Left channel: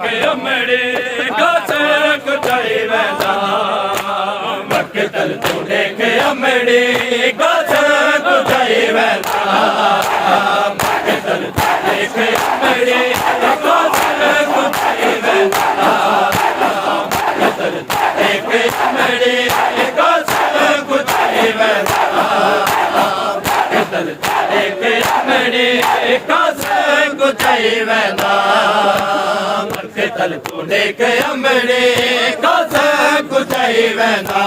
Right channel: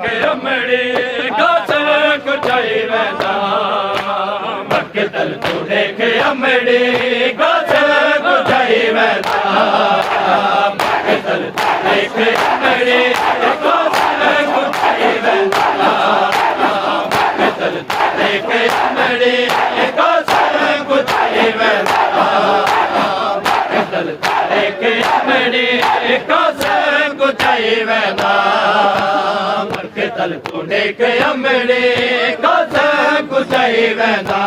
अमड़ी गाछ कुटाई वेंदा मक्के तल तू देख अमड़ी गाछ कुटाई वेंदा मक्के तल तू देख अमड़ी गाछ कुटाई वेंदा मक्के तल तू देख अमड़ी गाछ कुटाई वेंदा मक्के तल तू देख अमड़ी गाछ कुटाई वेंदा तल तू देख अमड़ी गाछ कुटाई वेंदा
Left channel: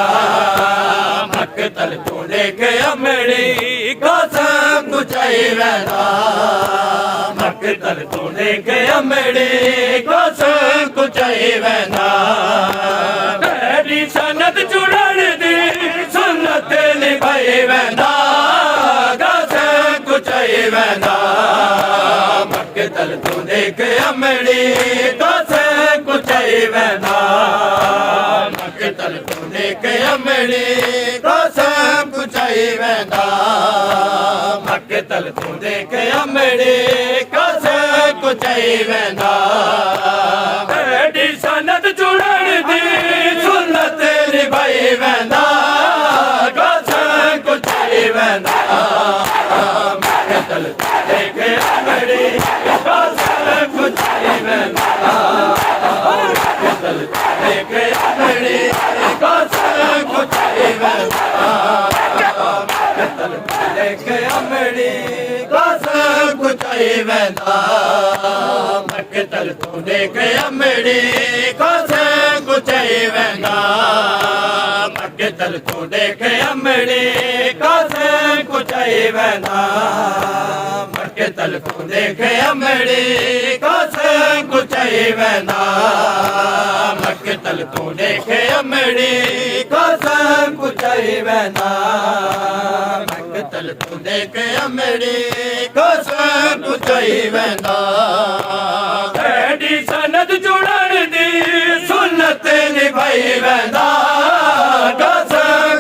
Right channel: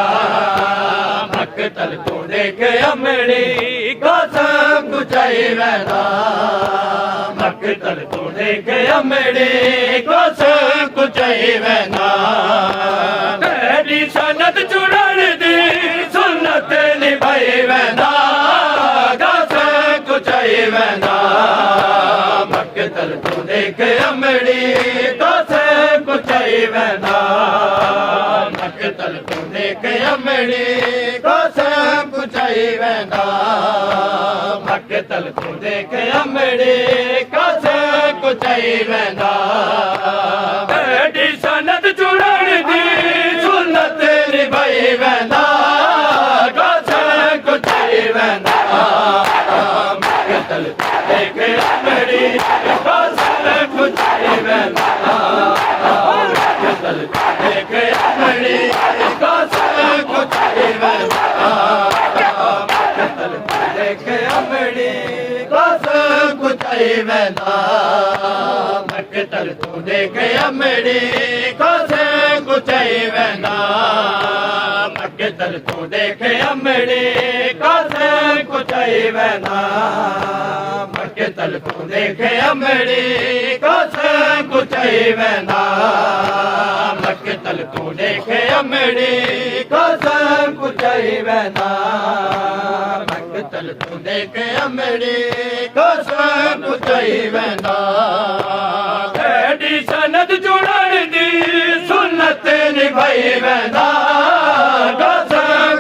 मक्के तल तू देख अमड़ी गाछ कुटाई वेंदा मक्के तल तू देख अमड़ी गाछ कुटाई वेंदा तेरी सनत चुनण दी सुन्नत निभाई वेंदा गाछ कुटाई वेंदा मक्के तल तू देख अमड़ी कुचाई वेंदा मक्के तल तू देख अमड़ी गाछ कुचाई वेंदा मक्के तल तू देख अमड़ी गाछ कुचाई वेंदा तेरी सनत चुनण दी सुन्नत निभाई वेंदा गाछ कुचाई वेंदा मक्के तल तू देख अमड़ी गाछ कुचाई वेंदा देख अमड़ी गाछ कुटाई वेंदा देख अमड़ी गाछ कुटाई वेंदा मक्के तल तू देख अमड़ी गाछ कुटाई वेंदा मक्के तल तू देख अमड़ी गाछ कुटाई वेंदा मक्के तल तू देख अमड़ी गाछ कुटाई वेंदा मक्के तल तू देख अमड़ी गाछ कुटाई वेंदा मक्के तल तू देख अमड़ी गाछ कुटाई वेंदा तेरी सनत चुनण दी सुन्नत निभाई वेंदा गाछ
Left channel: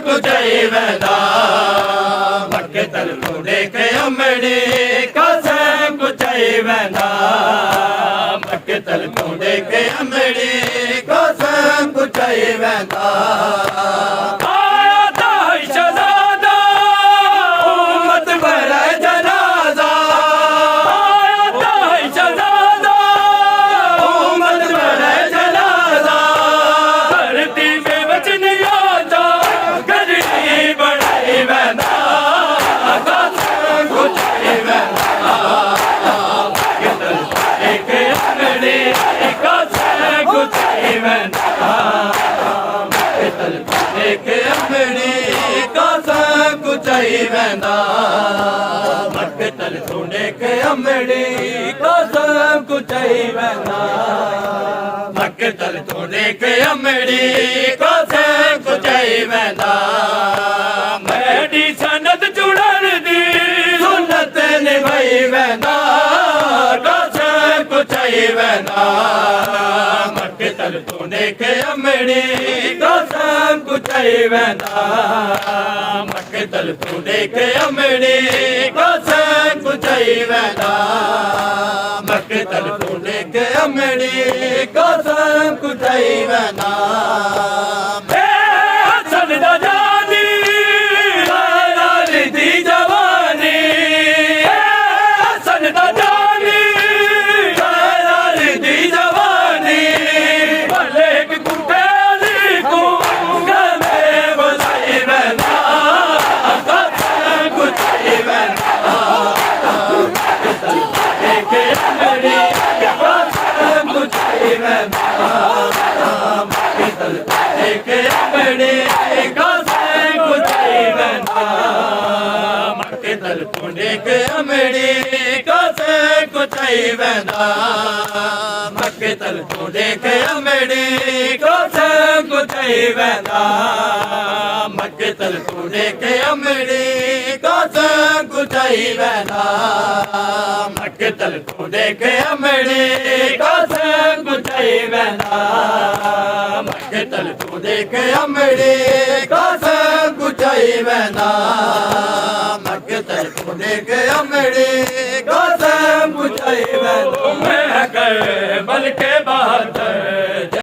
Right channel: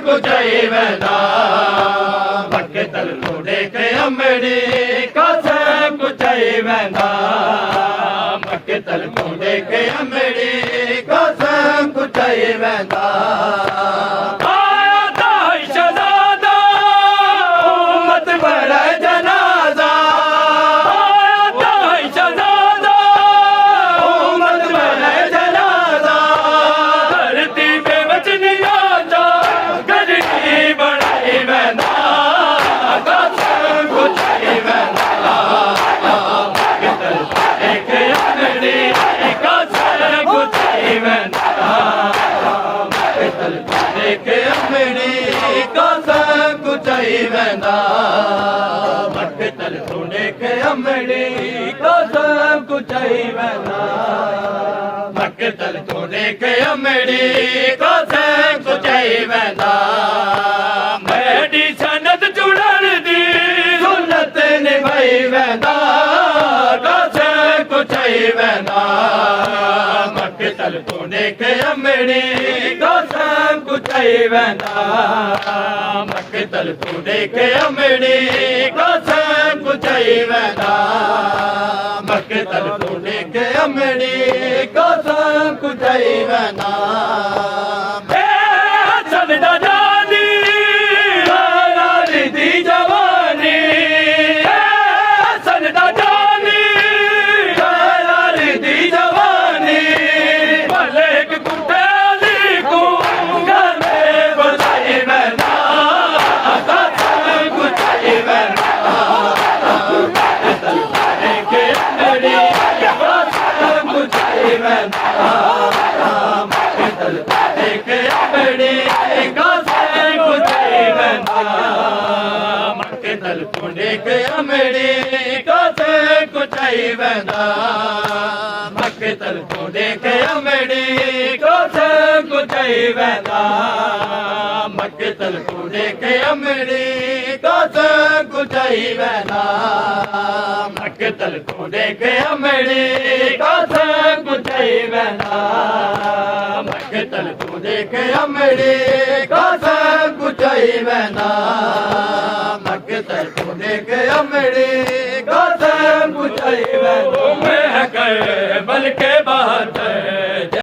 कुटाई वेंदा मक्के तल तू देख अमड़ी गाछ कुटाई वेंदा मक्के तल तू देख अमड़ी गाछ कुटाई वेंदा आया दाई शहजादा उम्मत भरे जनाजा आया दाई शहजादा उम्मत भरे जनाजा धरती पे वचन यादा गरीब बनाई वेंदा गाछ कुटाई वेंदा मक्के तल तू देख अमड़ी गाछ कुटाई वेंदा मक्के तल तू देख अमड़ी गाछ कुटाई वेंदा मक्के तल तू देख अमड़ी गाछ कुटाई वेंदा मक्के तल तू देख अमड़ी गाछ कुटाई वेंदा मेरी सनत चुनण दी सुन्नत निभाई वेंदा गाछ कुटाई वेंदा मक्के तल तू देख अमड़ी गाछ कुटाई वेंदा मक्के तल तू देख अमड़ी गाछ कुटाई वेंदा मक्के तल तू देख अमड़ी गाछ कुटाई वेंदा हसन दा जानी लाली दी जवानी हसन दा जानी लाली दी जवानी भले कुटेली को गले बुलाई वेंदा गाछ कुटाई वेंदा देख अमड़ी गाछ कुटाई वेंदा मक्के तल तू देख अमड़ी गाछ कुटाई वेंदा मक्के तल तू देख अमड़ी गाछ कुटाई वेंदा मक्के तल तू देख अमड़ी गाछ कुटाई वेंदा मक्के तल तू देख अमड़ी गाछ कुटाई वेंदा मक्के तल तू देख अमड़ी गाछ कुटाई वेंदा मक्के तल तू देख अमड़ी गाछ कुटाई वेंदा मक्के तल तू देख अमड़ी गाछ कुटाई वेंदा मैं कर बल के रात